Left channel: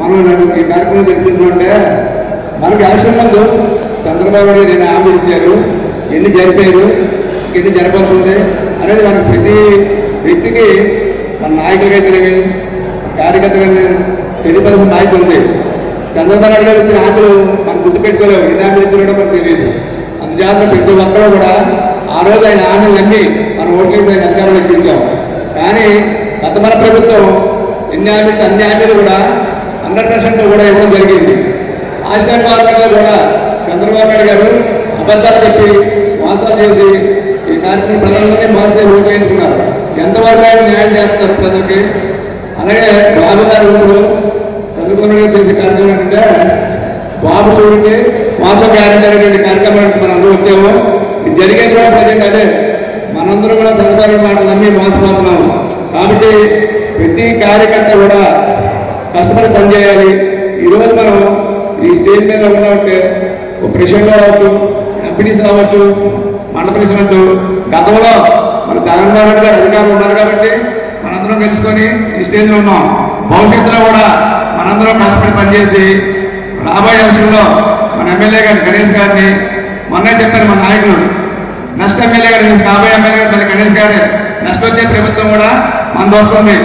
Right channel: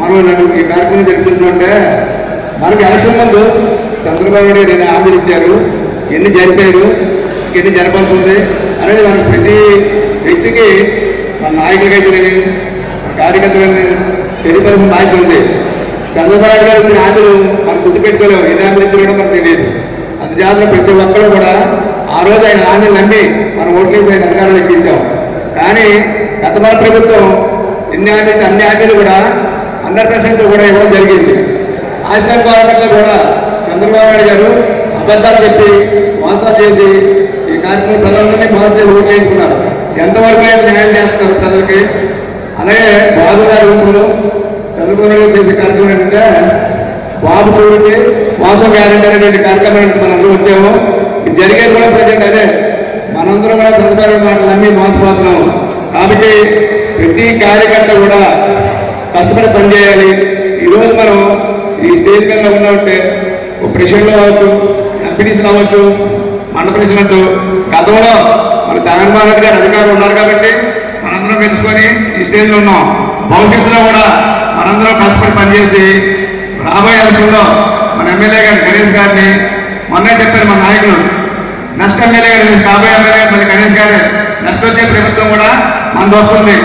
మనం ఈ కార్యక్రమం జరుపుకుంటుంటే మనకి అవసరం ముందు చంద్రబాబు నాయుడు నేను హామీ ఇచ్చారు, ఎన్ని జరిపారు, ఎన్ని జరపాల్సి ఉంది అనేది మనకు ప్రతి వ్యక్తికి మన నాయకులకైతే కార్యకర్తలైనా తెలియపరుస్తున్న నాయకులు ఉంది. చంద్రబాబు నాయుడు గారు ఇచ్చిన హామీలు మనం గుర్తుపెట్టుకోలేము, ఎన్ని హామీలు ఇచ్చినా కూడా మనకు తెలియదు. అందుచేత ప్రతి ఒక్కరూ కూడా ఆ రోజు ఆయన హామీలు నమ్మి మన ఓట్లేసి ఆయన అధికారులు ఎక్కించాం. కానీ గత మన ప్రభుత్వం అన్ని హామీలు కూడా 100% కూడా ఇవ్వడం జరిగింది. రాజస్థాన్ గవర్నమెంట్లో కూడా చంద్రబాబు నాయుడు గారు అబద్ధాలు చెప్పి మోసాలు చేసి ఈ కార్యక్రమం ప్రజలందరినీ మోసం చేసి ఓట్లు వేసుకున్నారు. ఎంతవరకు ఆయన న్యాయం చేస్తున్నారు ప్రజలకి? అలాగే బాబు గారు ఇప్పుడు చంద్రబాబు చేసే కార్యక్రమం ఏంటంటే బాబు సూర్యుడికి మోసం గ్యారెంటీ అనేటువంటి కార్యక్రమానికి మనందరూ వచ్చాము. ఇది జరిగేది కూడా ప్రజెంట్ అదే, మనందరూ కూడా చంద్రబాబు మాటలు నమ్మి మోసపోతున్నాము. కాబట్టి ప్రతి కార్యకర్త కూడా కష్టపడి పనిచేయాలి. ఈరోజు మనం ఈ స్టేజ్ మీద ఉన్నట్టే ప్రెసిడెంట్ అవ్వచ్చు, ఎంపీటీసీ అవ్వచ్చు, మండల ప్రెసిడెంట్. గతంలో మన జగన్మోహన్ రెడ్డి గారు అధికారులు ఉన్నారు కాబట్టి మనందరం పెంచుకొని ఈ స్టేజ్లో ఉన్నాం. భవిష్యత్తులో కూడా మనందరం కష్టపడి పనిచేసి రాబోయే అంశంలో మన ఎమ్మెల్యే గారి గణేష్ గారిని మొన్నే చెప్పారు మన నాయకులు, నెక్స్ట్ ఎమ్మెల్యే గారు కాబోయే ఎమ్మెల్యే గారు గణేష్ గారి నెక్స్ట్ వచ్చే ప్రభుత్వం కూడా మనకు వస్తుంది.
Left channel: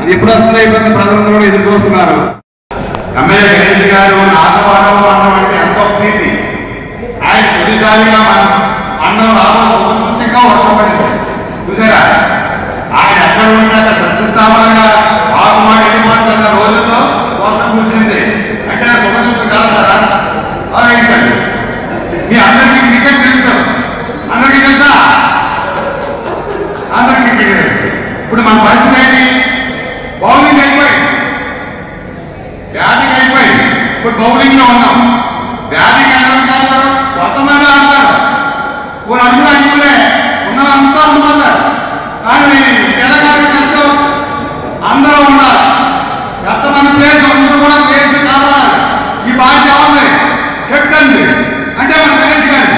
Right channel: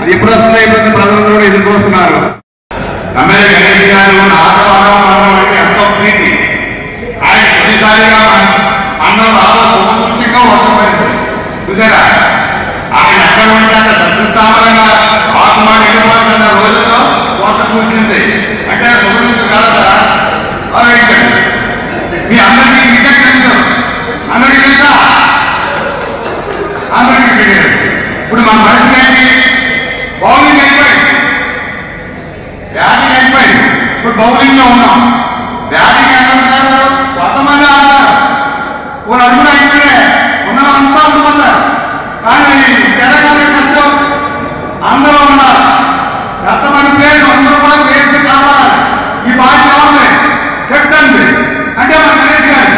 అది ఎప్పుడు వస్తుందో ఇప్పుడు ప్రజలందరూ కూడా ఎదురు చూస్తున్నారు. ఎమ్మెల్యే గణేష్ గారు ఎంతో ప్రీతి, ఆయన ప్రతిసారిగా అన్నం రాష్ట్రంగా వస్తుంది చూసారా. ఆయన ఎక్కడ ఉంటే అక్కడ సత్యస్థానంగా బాగుమాడి వెళ్ళిపోతున్న రోజుల్లో కోట కూర్చింది అంటే కదా. మీ అందరికీ క్రికెట్ తెలుసు, అందరికీ తెలుసా? అందరికీ తెలియదు. ఇప్పుడు మా పరిస్థితి ఏంటి? బౌలింగ్ అయిపోయింది, బ్యాటింగ్ అయిపోయింది. ఇప్పుడు బౌలింగ్ లో ఉన్నాం. బ్యాటింగ్ ఎంత ఉంటారు? కొంతమంది ఆడతారు, అందరూ అయితే ఉన్నదంతా ఉంటున్నారు. కానీ తెలంగాణ కష్టం అందరూ ఉన్నారు. ఎంతమంది ప్లేయర్స్ అందరూ కూడా ప్లేయర్స్ కావాలి. ఈ బాధ్యత ఉంది కెప్టెన్ అంటే మన గణేష్ గారు.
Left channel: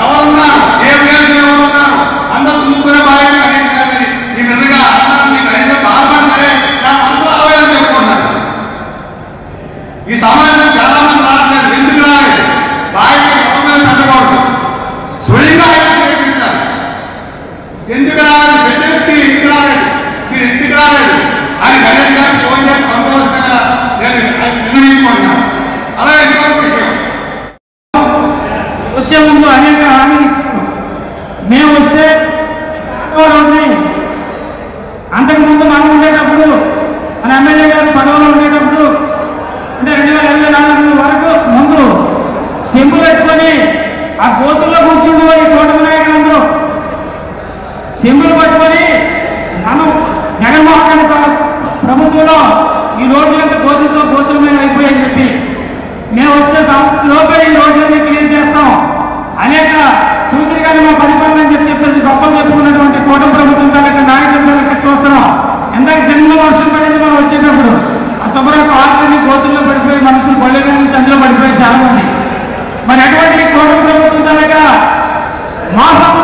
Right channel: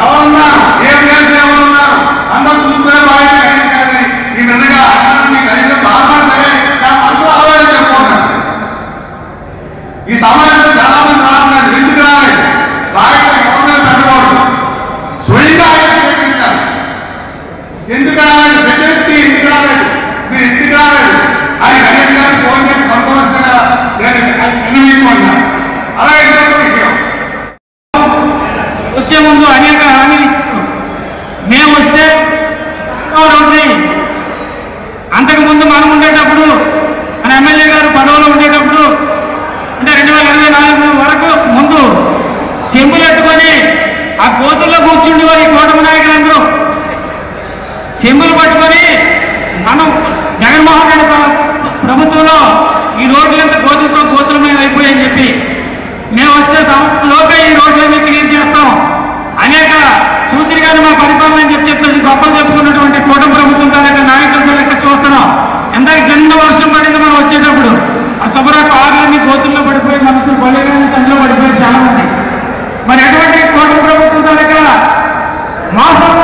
ఎవరున్నారు, ఏ ప్లేయర్స్ ఎవరున్నారు అందరూ చూసుకునే బాధ్యత గణేష్ గారి. ఈ విధంగా అందరినీ గణేష్ బాధపడి సరే అందరూ ఆలోచన చేసుకుంటారు. ఈ సమాజం చాలా మంది రావట్లేదు. ఎందుకు రాలేదు? రాయటం ఎవరు పెట్టకూడదు, స్వయంగా ఉపయోగించాలి. ఎందుకు రాలేదు? వ్యక్తి ఎందుకు రాలేదు, మీరు ఎందుకు రాలేదు అని గణేష్ గారు ఫోన్ చేసి సంతోషంగా నేను నిర్ణయించుకున్నాను. అలాగే వచ్చే ముందు అనేక హామీలు ఇచ్చాము. మేము వస్తే అంతకుముందు మనం ఉండేటప్పుడు మన ఎమ్మెల్యే గారు పదవిలో ఉండేటప్పుడు అంటే 2024 వరకు ముందు చెంబు పెట్టుకొని ఆ గోతుల్లో కూర్చుండేవారు ఈ కూటమి నాయకులందరూ. చెంబులు పట్టుకొని మనం జగన్మోహన్ రెడ్డి ప్రభుత్వంలో ఈ రోడ్లంతా గోతుల మీద అయిపోయాయని చెప్పి మేము వస్తే లోపే ఈ రోడ్లన్నీ క్లియర్ చేస్తాం అనేక సూచనగా మా పరిపాలన అని చెప్పేసి గొప్పలు చెప్పుకున్నటువంటి కూటమి ప్రభుత్వం తాలూకా నాయకులతో లెక్క చూస్తున్నాం. ఎందాక జన్మ వర్షం పడింది మనం వచ్చేటప్పుడు ఆ సభలకు ఆటలన్నీ గోతుల్లో పడిపోయి మనసులు పల్లెగానే చంద్రలో పడిపోయి చాలా మంది. మరి అటువంటి కూటమి ప్రభుత్వం తాలూకా మోసం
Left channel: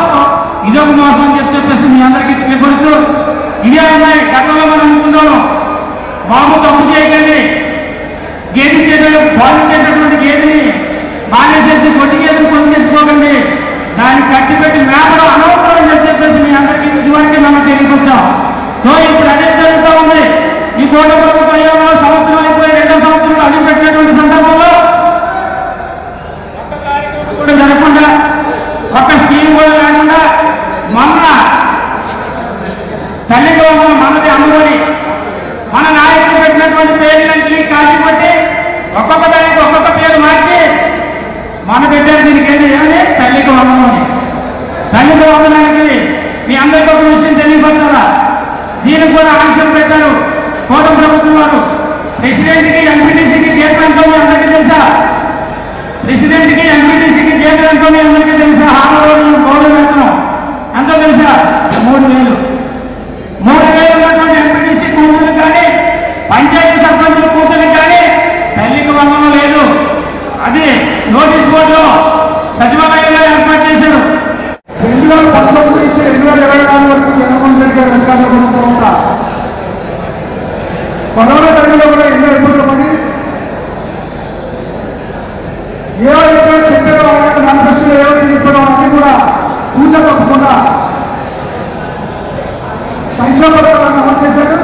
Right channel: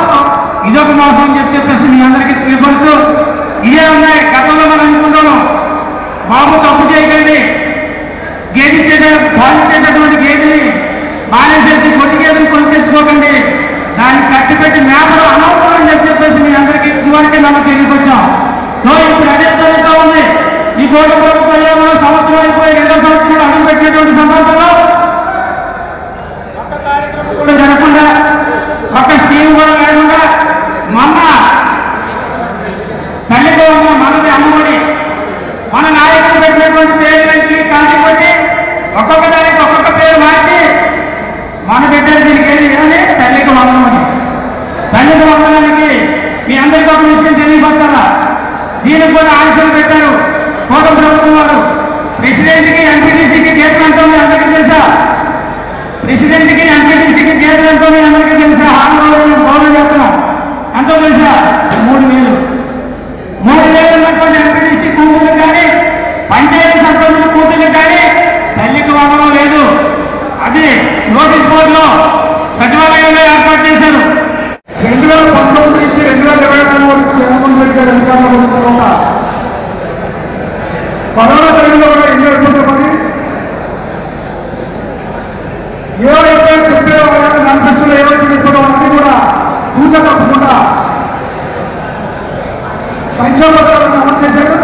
ఇదొక మోసం అని చెప్పేసి మీ అందరికీ తెలియపడుతూ ఇదే ఉన్నాయి. గతంలో మనం అనుకున్నాము బాబు తప్పు చేయకండి, గేది బాధించేటటువంటి గేదెని మానేసేసి పొట్టి గేదెని కొనుక్కించుకోకండి, దాన్ని కట్టిపెట్టి మేపడం అనవసరం అని చెప్పేసి మీ అందరికీ ఇదివరకే మనం తెలియపచ్చాం. సో ఇప్పుడు అదే జరుగుతూ ఉంది. ఈ కూటమి ప్రభుత్వంలో సంవత్సరం అయిపోయి 2వ సంవత్సరం అడుగు పెట్టినటువంటి సందర్భంలో ఒక్క కార్యక్రమం కూడా జరగకుండా, ఒక్క స్కీమ్ కూడా లేకుండా మన తల్లిలో ఉన్న మనది అమ్మఒడి మన నాయకులు పెట్టినటువంటి పేరుని కాల్చి పెట్టి ఒక్కొక్క దానికి ఒక్కొక్క పేరు మార్చి మన పెట్టారు. దీనికి ఏదని తల్లికి వందనాన్ని. తల్లికి వందనానికి మీ అందరికీ ఒక విషయం తెలియపరచాలా, దీనికి కూడా ఆంక్షలు పెట్టారు కూటమి ప్రభుత్వం వారు. ప్రెసిడెంట్కి ఎంపీటీసీకి జీతం ఎంతో మీ అందరికీ తెలుసా? ప్రెసిడెంట్కి ఎంపీటీసీకి జీతం ఎంతో మీ అందరికీ తెలుసా? హామీ గౌరవం చేస్తున్నాం. ఎంతో తెలుసా? 3,000 ఉన్నటువంటి ఎంపీటీసీ కూతురు కానీ పంచాయతీ సర్పంచ్ ఏవైతే చెప్పడం అన్ని కూడా పూజ తప్పకుండా సంక్షేమ పథకాలను అమలు చేశారు.